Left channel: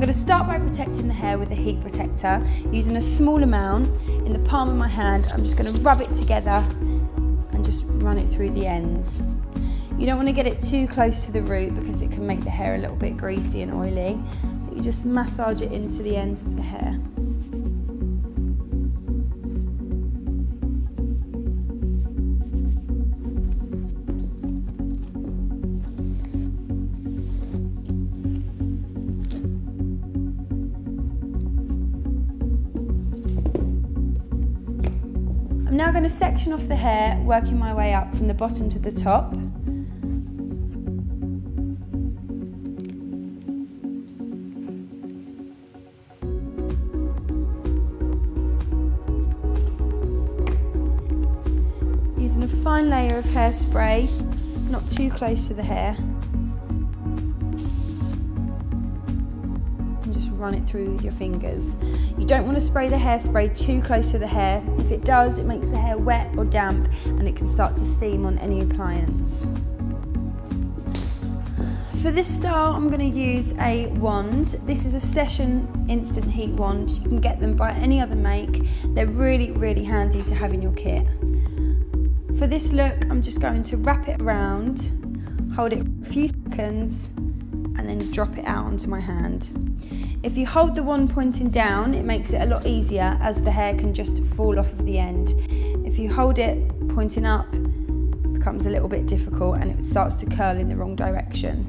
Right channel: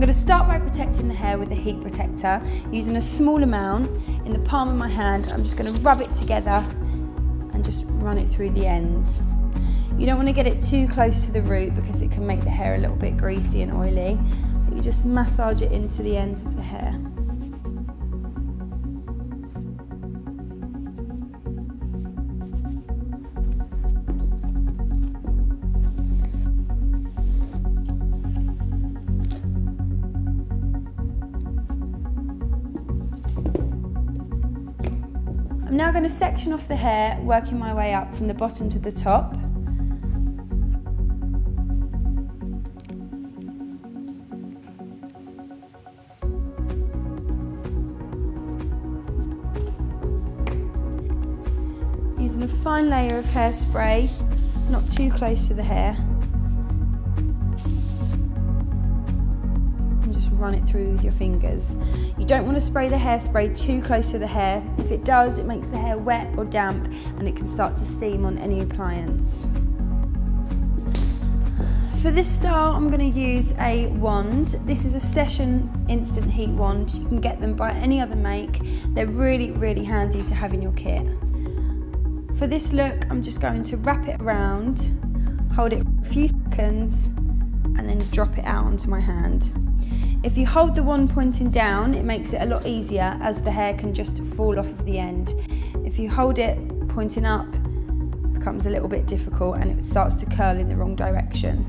going to start by protecting the hair with a heat protector. Using a small amount in the palm of my hand, I'm just going to rub it together and just run it through the ends. You don't want to get it too close to the root because it can make the hair a little bit greasy and oily, but you just massage it into the ends of the hair. I'm now going to section off the hair, working my way up from the bottom to the top. Using a fine layer of hairspray, not too close to the hair. Run it through with your fingers. You don't want to spray the hairspray too close to the hair. If it does, it makes the hair wet or damp and it can start to steam on any appliance. For this style, I'm going to use a wand. This is a Session instant heat wand. You can get them by any other make. They're really, really handy to have in your kit. For this look, I'm just going to wrap it around, hold it for a few seconds, and then drop it out onto my hand. If you hold the wand pointing down, it makes it a lot easier as the hair can just fall off of the end. If you hold it pointing up, it becomes a little bit difficult and it starts to curl in the wrong direction.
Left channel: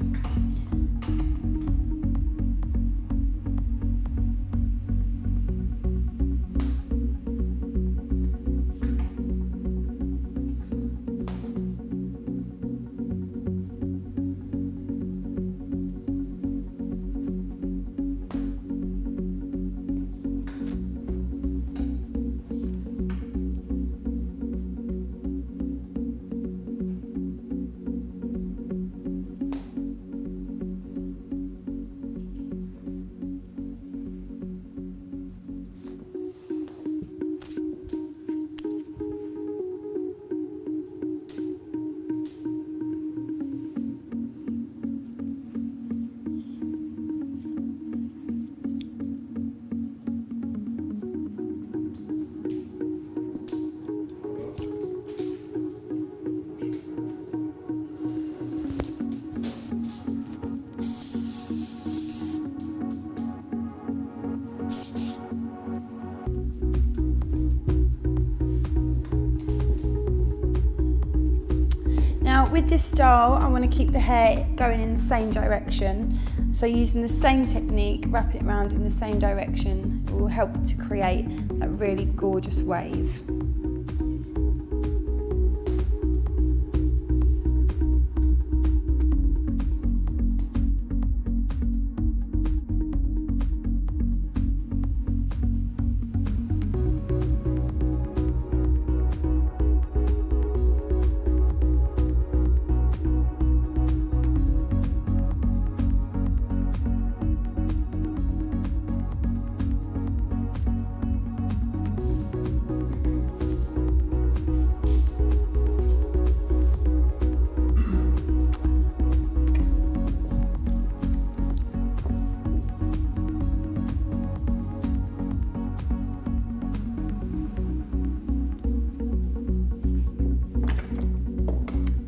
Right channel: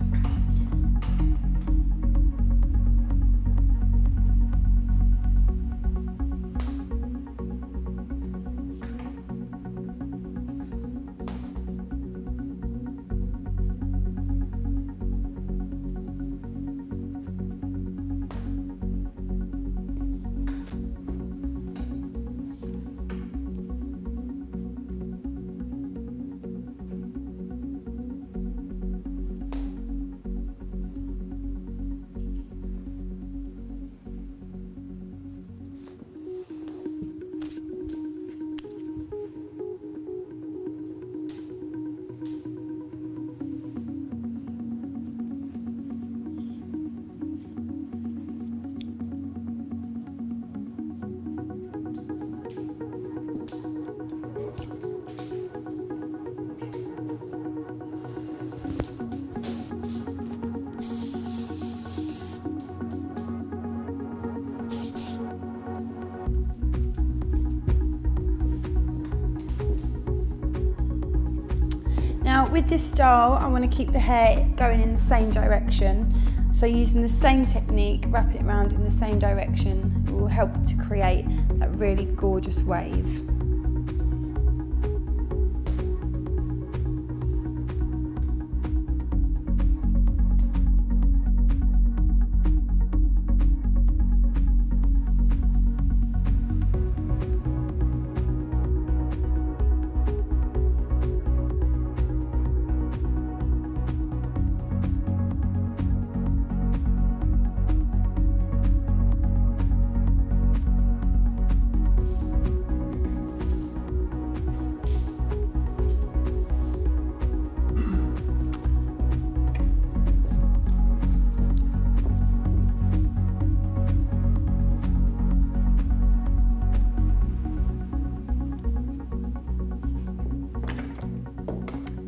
Now with this style, I want to keep the hair going in the same direction. So using the same technique, wrap it around in the same direction, it will help to create that really gorgeous wave.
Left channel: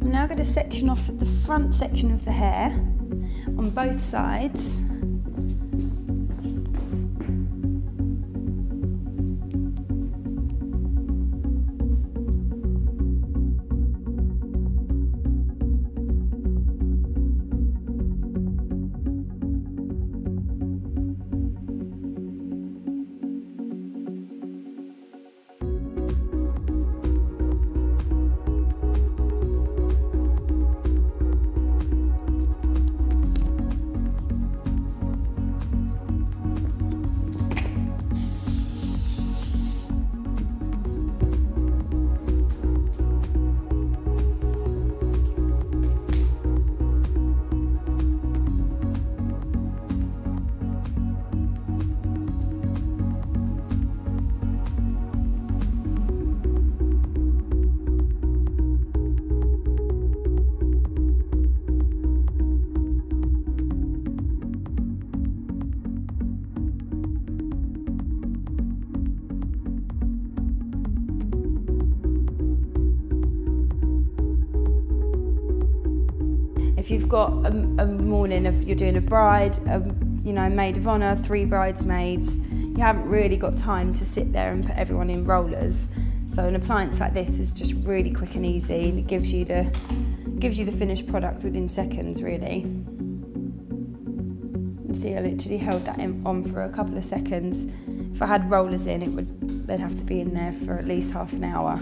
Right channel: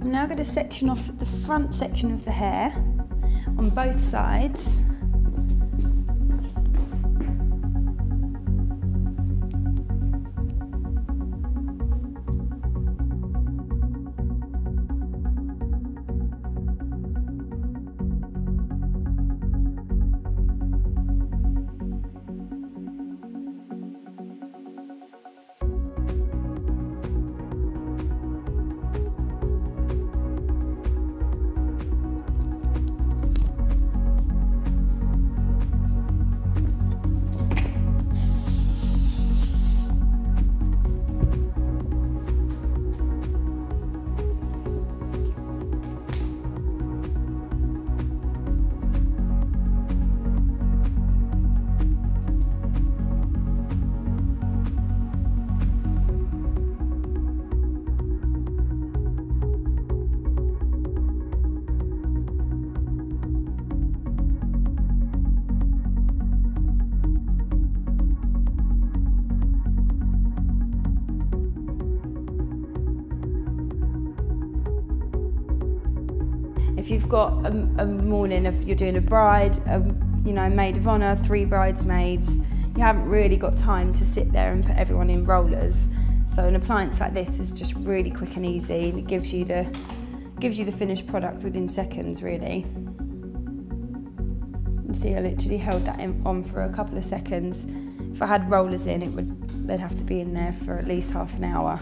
I'm now going to section off the front section of the hair on both sides. If you've got a morning of you're doing a bride, you know, maid of honour, 3 bridesmaids, you haven't really got time to sit there and put everyone in rollers. So an appliance like this is just really quick and easy, and it gives you the finished product within seconds, really. You see, I literally held that on for a couple of seconds. If I had rollers in, they'd have to be in there for at least half an hour.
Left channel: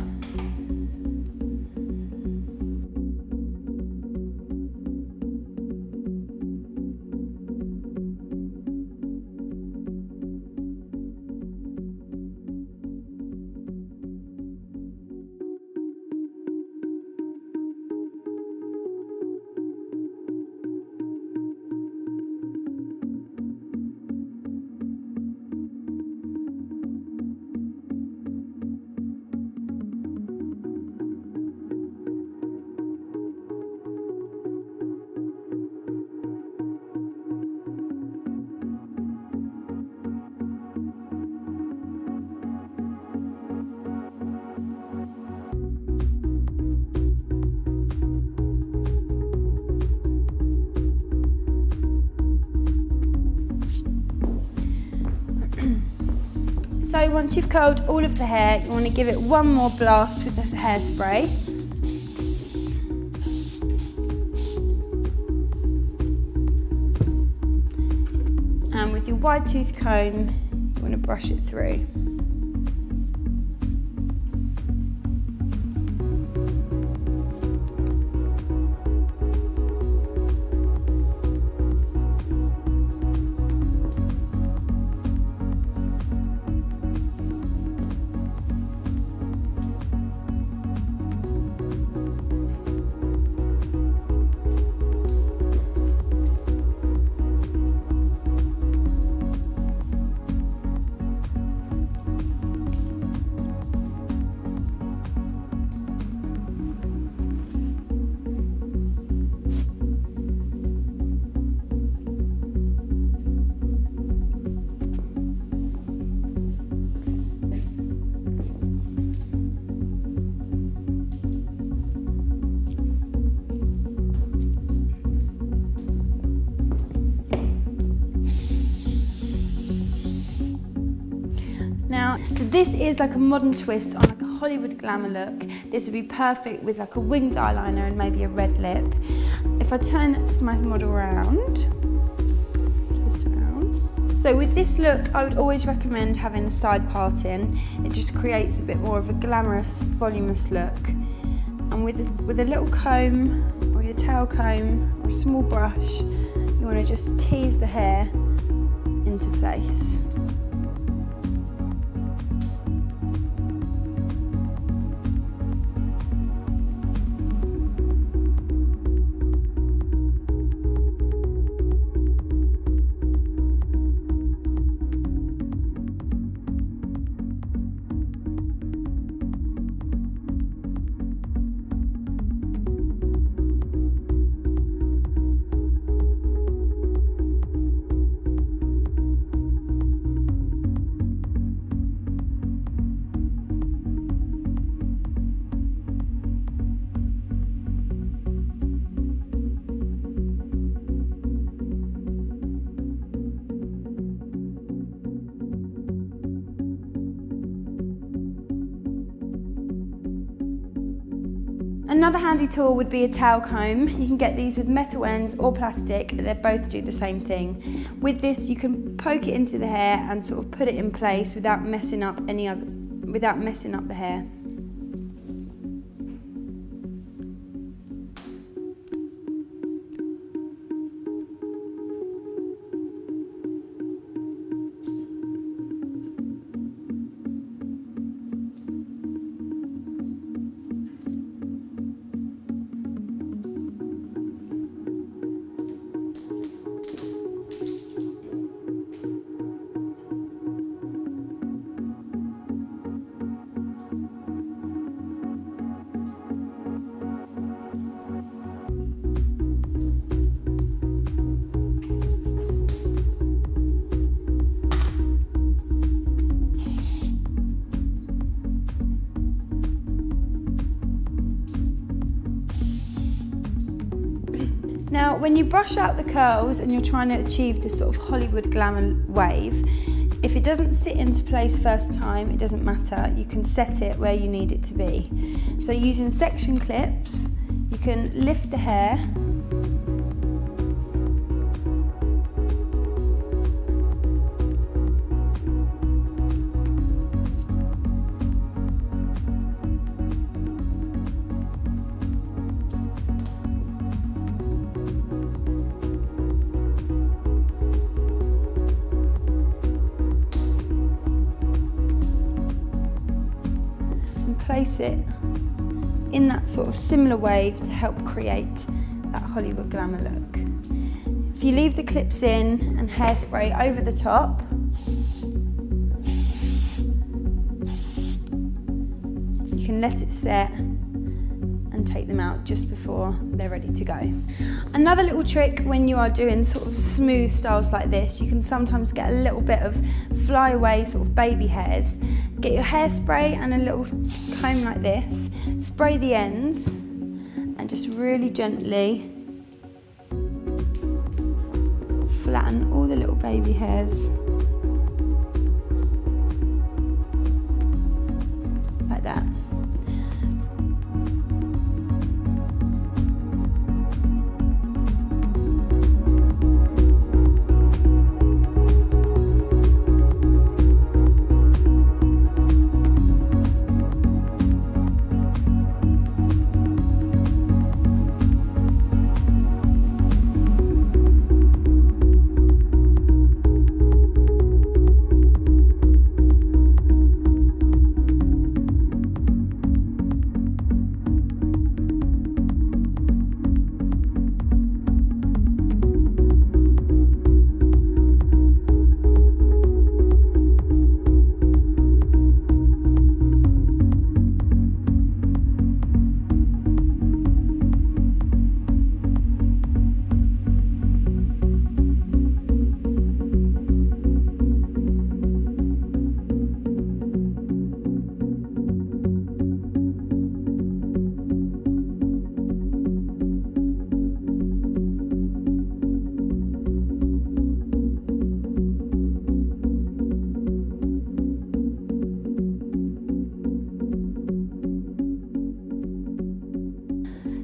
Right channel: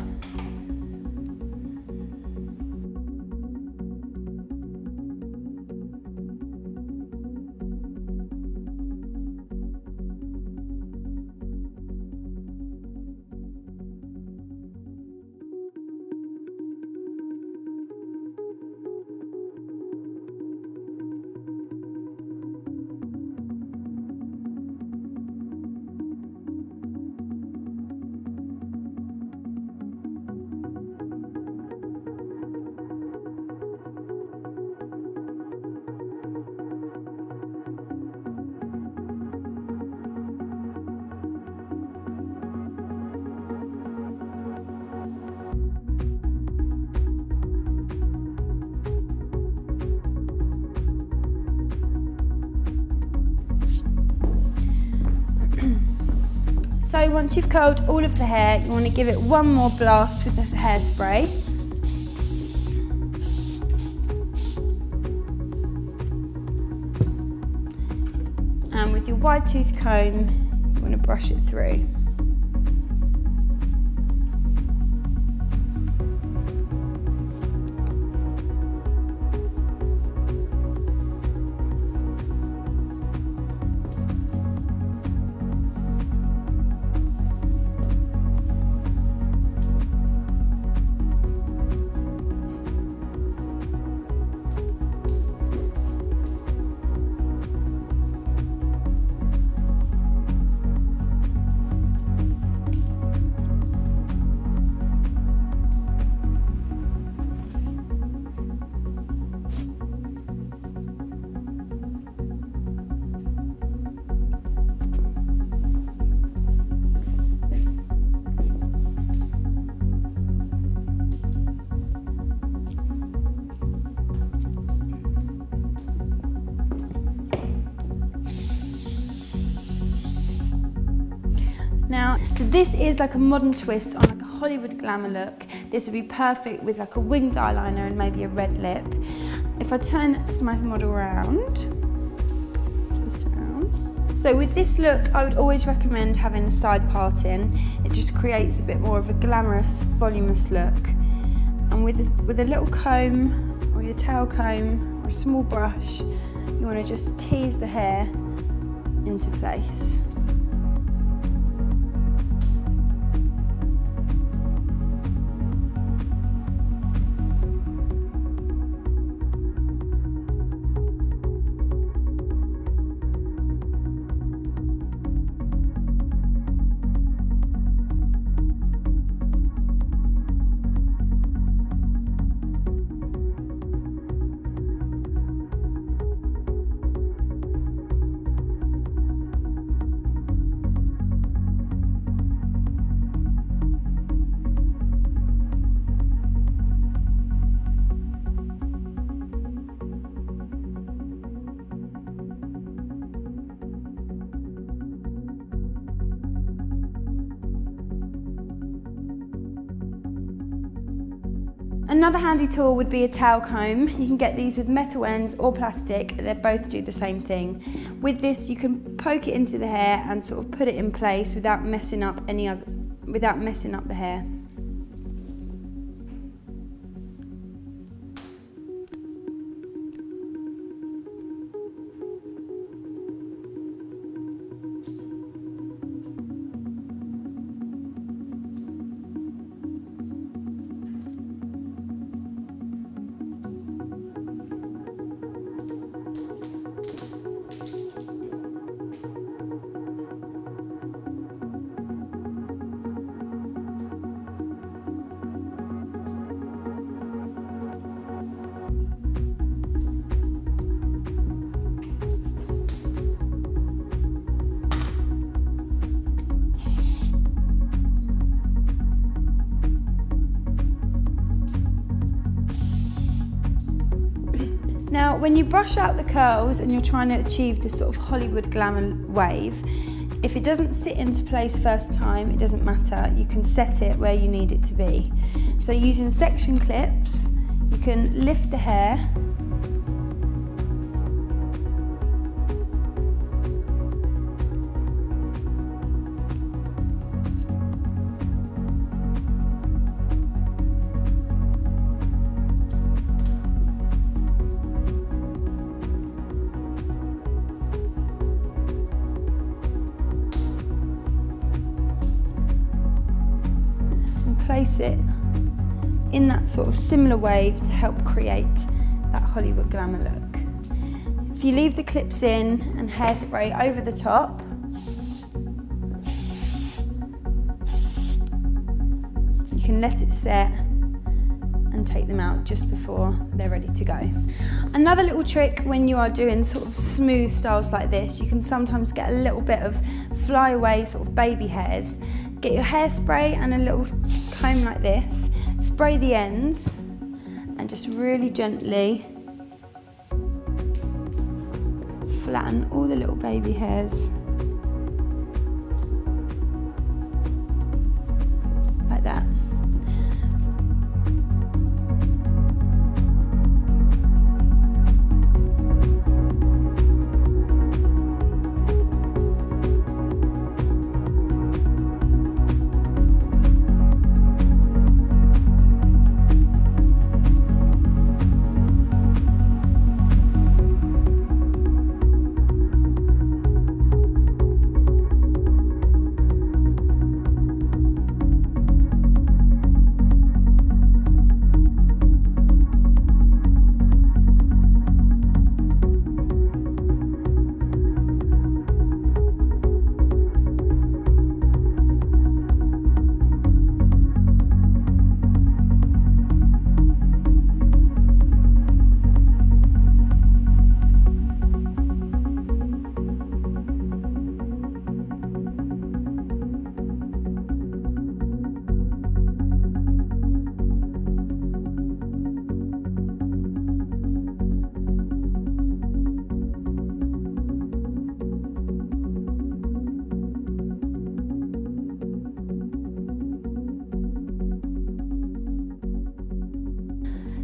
So once you've curled all of the hair, you want to give it one more blast with the hairspray. And with your wide tooth comb, you want to brush it through. Now, so this is like a modern twist on like a Hollywood glamour look. This would be perfect with like a winged eyeliner and maybe a red lip. If I turn my model around, twist around. So with this look, I would always recommend having a side part in. It just creates a bit more of a glamorous, voluminous look. And with a little comb or your tail comb or a small brush, you want to just tease the hair into place. Another handy tool would be a tail comb. You can get these with metal ends or plastic. They both do the same thing. With this, you can poke it into the hair and sort of put it in place without messing up the hair. Now, when you brush out the curls and you're trying to achieve this sort of Hollywood glamour wave, if it doesn't sit into place first time, it doesn't matter. You can set it where you need it to be. So using section clips, you can lift the hair and place it in that sort of similar wave to help create that Hollywood glamour look. If you leave the clips in and hairspray over the top, you can let it set and take them out just before they're ready to go. Another little trick when you are doing sort of smooth styles like this, you can sometimes get a little bit of flyaway sort of baby hairs. Get your hairspray and a little comb like this, spray the ends and just really gently flatten all the little baby hairs like that.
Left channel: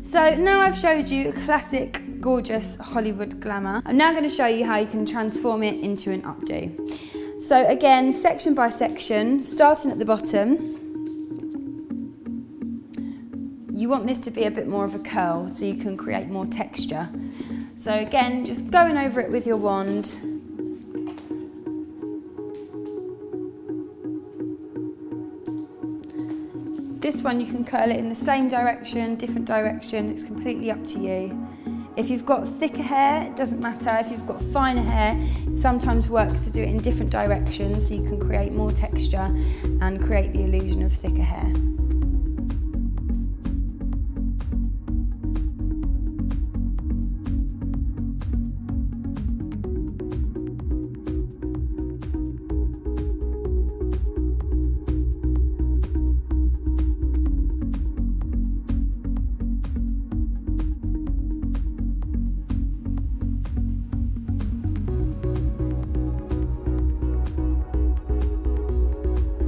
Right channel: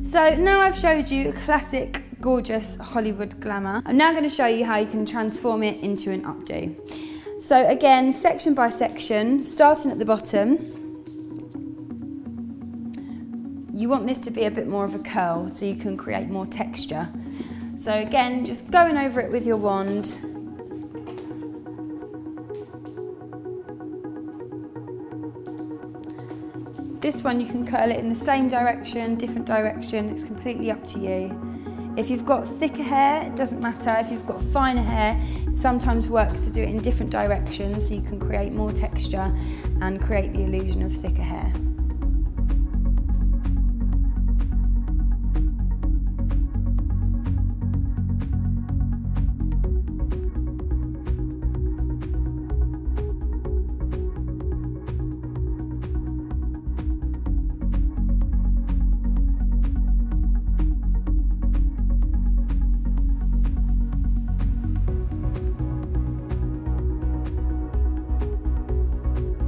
So now I've showed you a classic, gorgeous Hollywood glamour. I'm now going to show you how you can transform it into an updo. So again, section by section, starting at the bottom. You want this to be a bit more of a curl so you can create more texture. So again, just going over it with your wand. This one you can curl it in the same direction, different direction, it's completely up to you. If you've got thicker hair, it doesn't matter. If you've got finer hair, it sometimes works to do it in different directions so you can create more texture and create the illusion of thicker hair.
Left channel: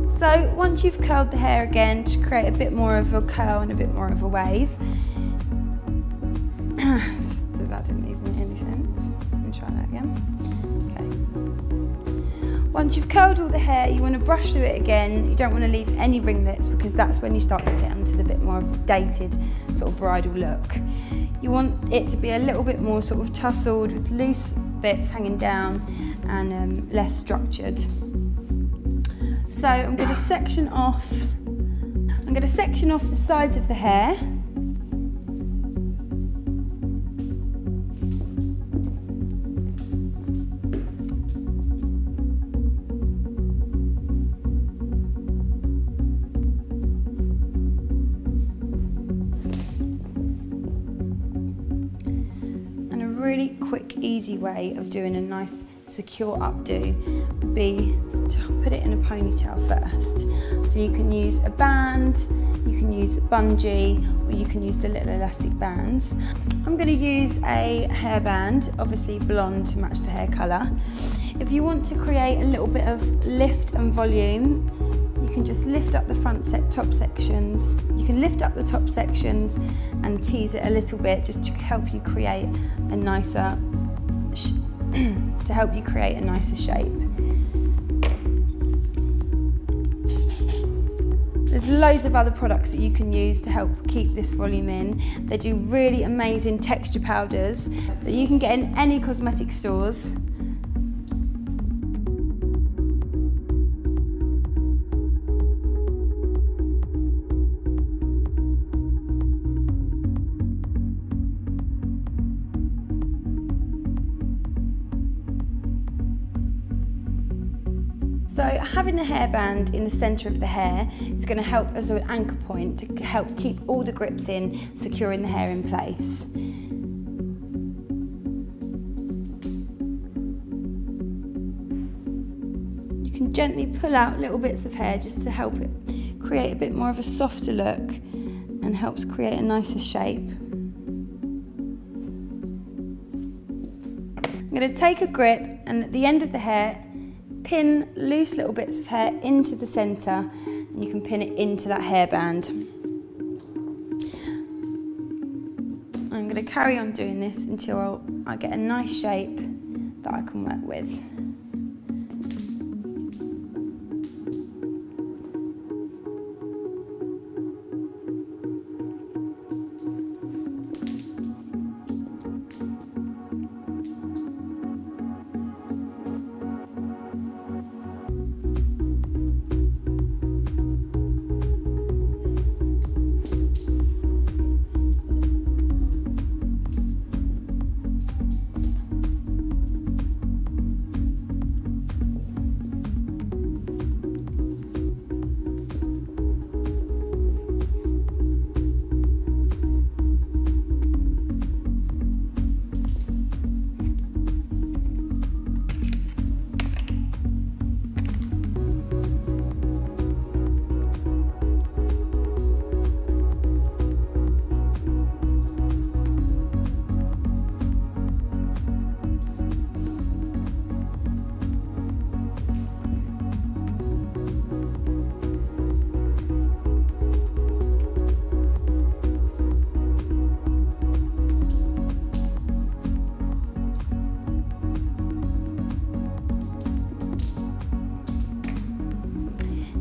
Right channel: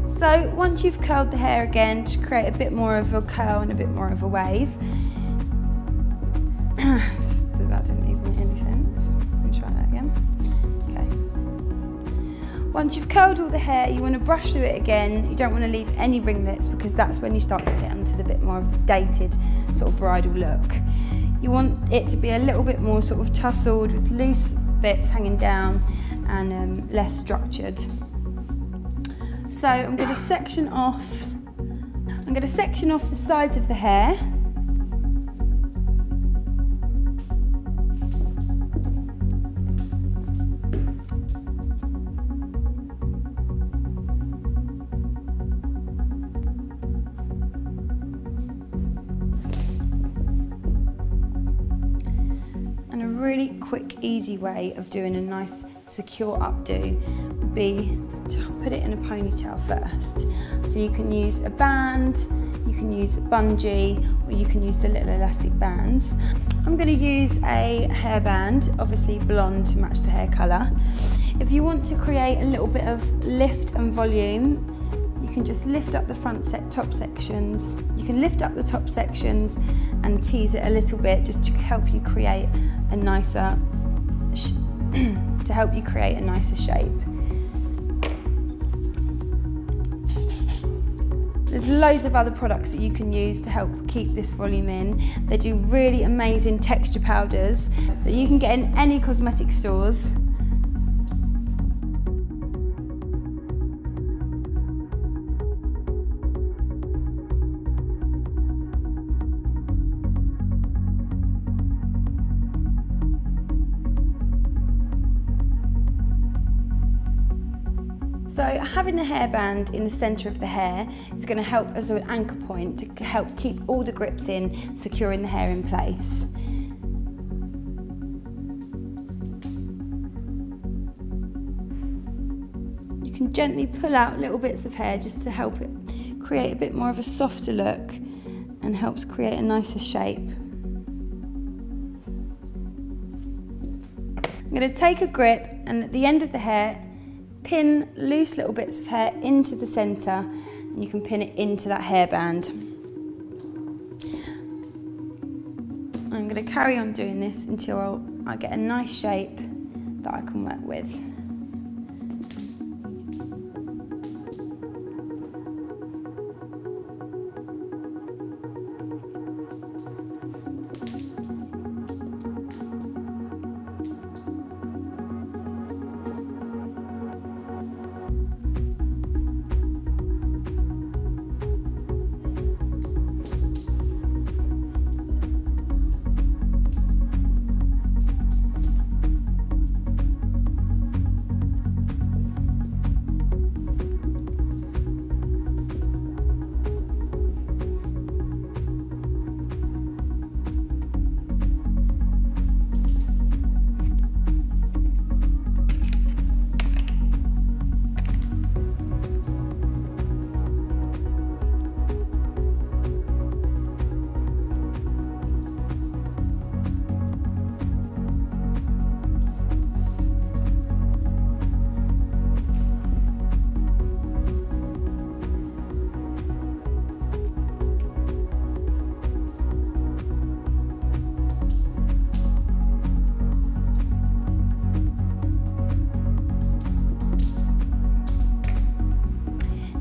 So once you've curled the hair again to create a bit more of a curl and a bit more of a wave, that didn't even make any sense. Let me try that again. Okay. Once you've curled all the hair, you want to brush through it again. You don't want to leave any ringlets because that's when you start to get onto the bit more of the dated sort of bridal look. You want it to be a little bit more sort of tussled with loose bits hanging down and less structured. So I'm going to section off the sides of the hair. And a really quick, easy way of doing a nice secure updo would be to put it in a ponytail first. So you can use a band, you can use a bungee, or you can use the little elastic bands. I'm going to use a hairband, obviously blonde to match the hair colour. If you want to create a little bit of lift and volume, you can just lift up the top sections. You can lift up the top sections and tease it a little bit just to help you create a nicer shape. There's loads of other products that you can use to help keep this volume in. They do really amazing texture powders that you can get in any cosmetic stores. So having the hairband in the centre of the hair is going to help as an anchor point to help keep all the grips in, securing the hair in place. You can gently pull out little bits of hair just to help it create a bit more of a softer look and helps create a nicer shape. I'm going to take a grip and at the end of the hair, pin loose little bits of hair into the centre and you can pin it into that hairband. I'm going to carry on doing this until I get a nice shape that I can work with.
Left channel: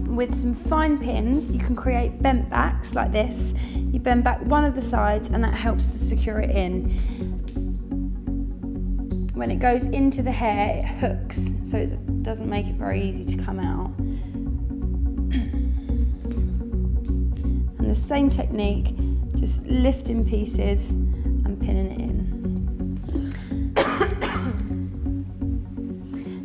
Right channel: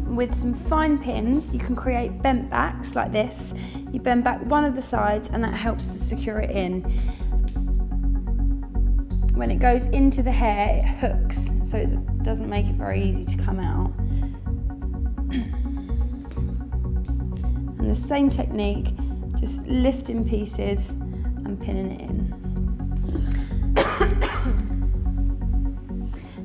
With some fine pins, you can create bent backs like this. You bend back one of the sides and that helps to secure it in. When it goes into the hair, it hooks, so it doesn't make it very easy to come out. And the same technique, just lifting pieces and pinning it in.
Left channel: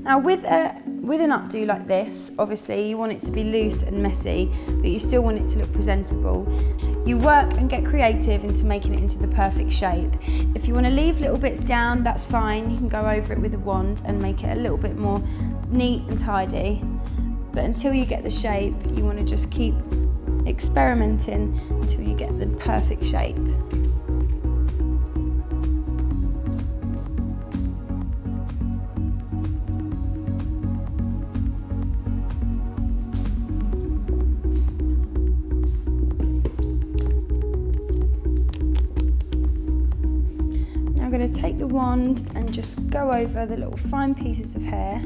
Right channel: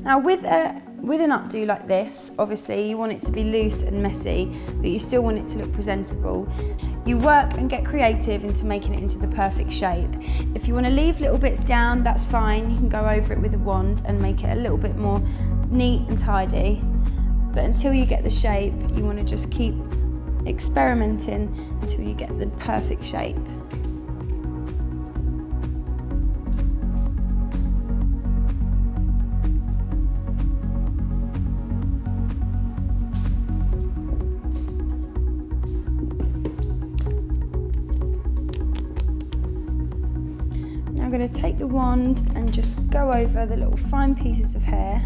Now with an updo like this, obviously you want it to be loose and messy, but you still want it to look presentable. You work and get creative into making it into the perfect shape. If you want to leave little bits down, that's fine. You can go over it with a wand and make it a little bit more neat and tidy. But until you get the shape, you want to just keep experimenting until you get the perfect shape. I'm going to take the wand and just go over the little fine pieces of hair.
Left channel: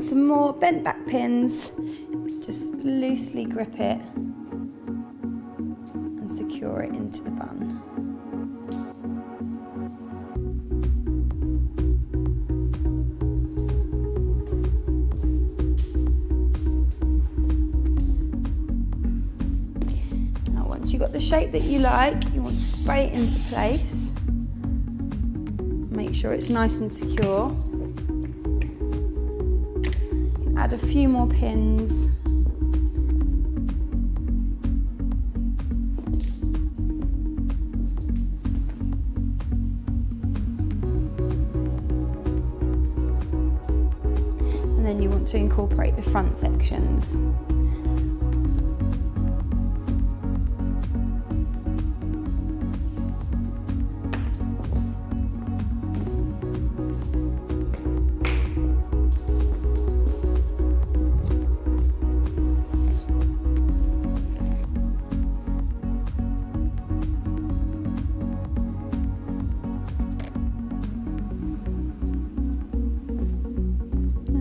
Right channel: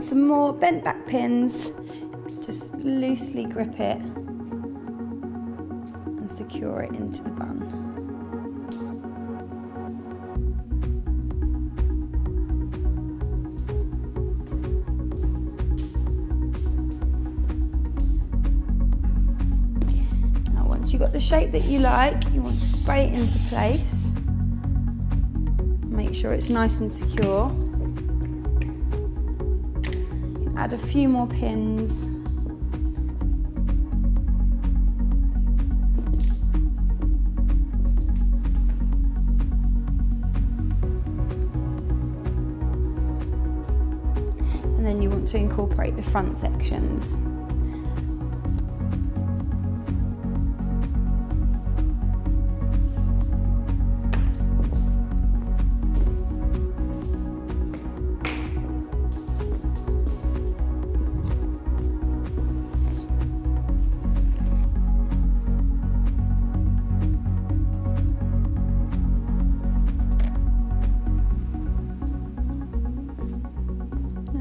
And some more bent back pins, just loosely grip it and secure it into the bun. Now once you've got the shape that you like, you want to spray it into place. Make sure it's nice and secure. Add a few more pins. And then you want to incorporate the front sections.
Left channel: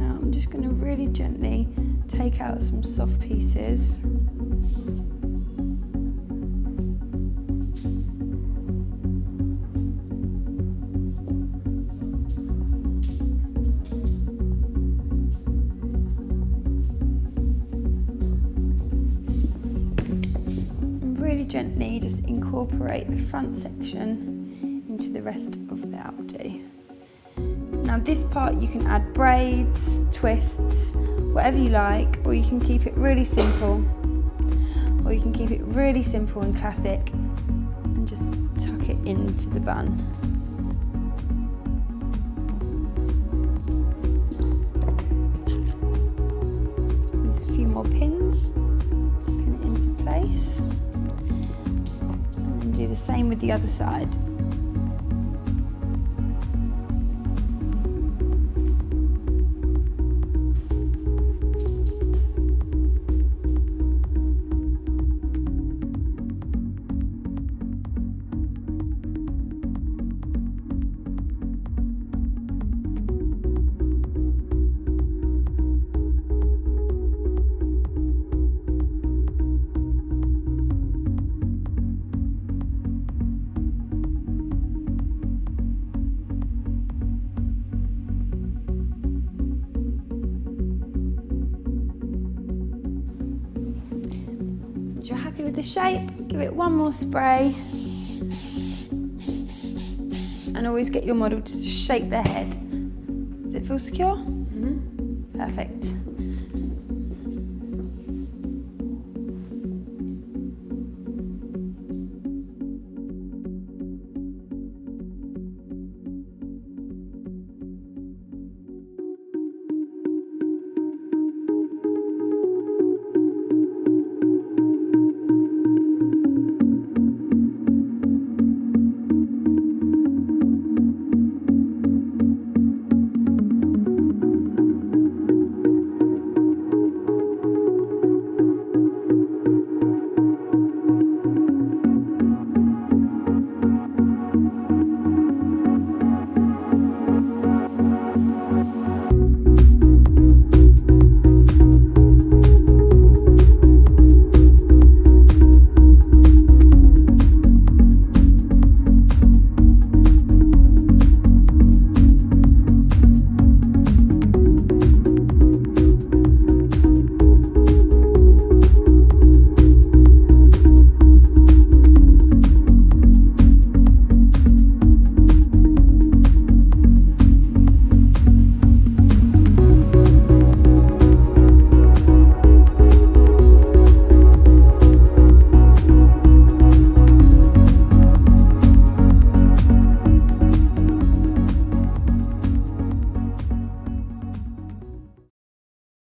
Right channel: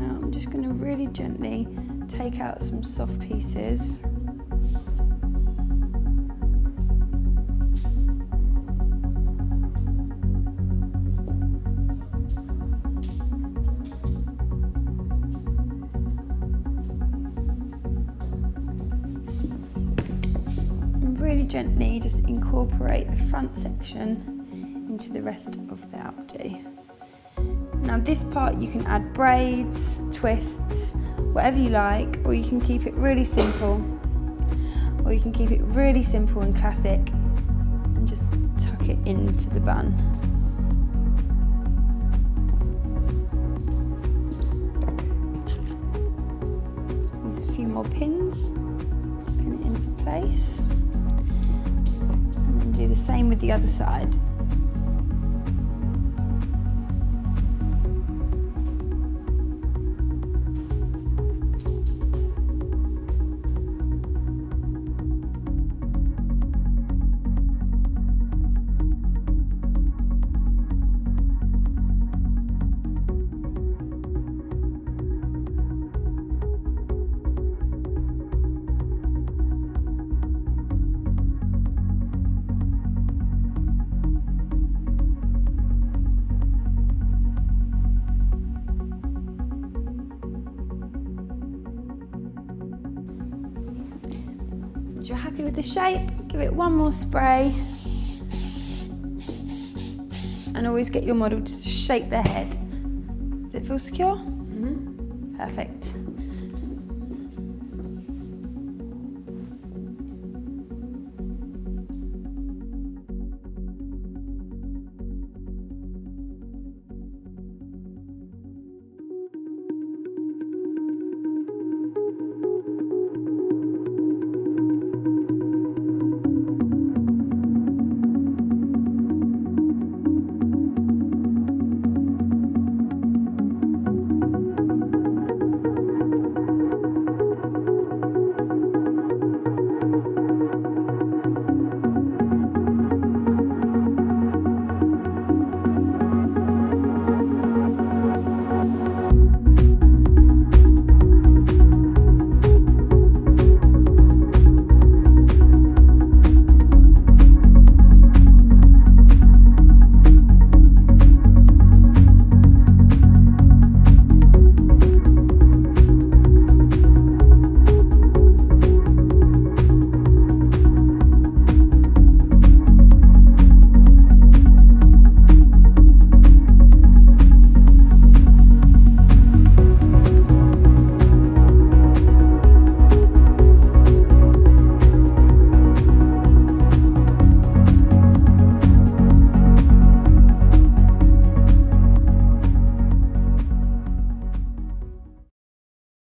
I'm just going to really gently take out some soft pieces. And really gently just incorporate the front section into the rest of the outdo. Now this part you can add braids, twists, whatever you like, or you can keep it really simple, or you can keep it really simple and classic and just tuck it into the bun. Use a few more pins, pin it into place, and then do the same with the other side. Once you're happy with the shape, give it one more spray, and always get your model to shape their head. Does it feel secure? Mm-hmm. Perfect.